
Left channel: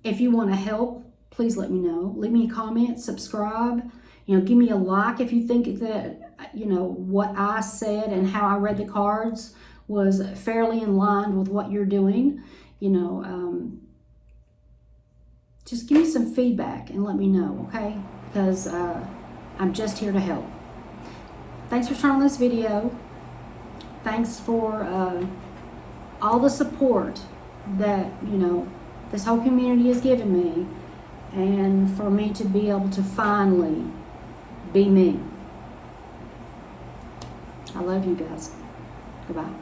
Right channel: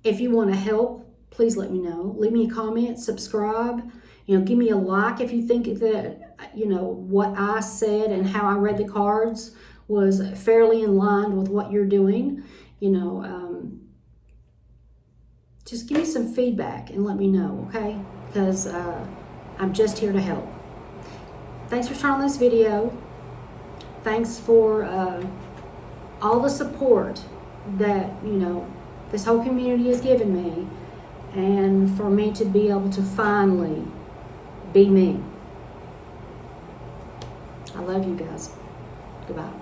If you want to help, please let me know. Leave me a comment, subscribe, you know, give me a like if you think that, you know, what I said and how I read the cards was fairly in line with what you're doing. You know, just give me some feedback and let me know, okay? Because I'm just here to help. Thanks for trying this video. Thanks for all the support that, you know, this whole community has given me, and for me to be able to finally be me. I love you guys. Goodbye.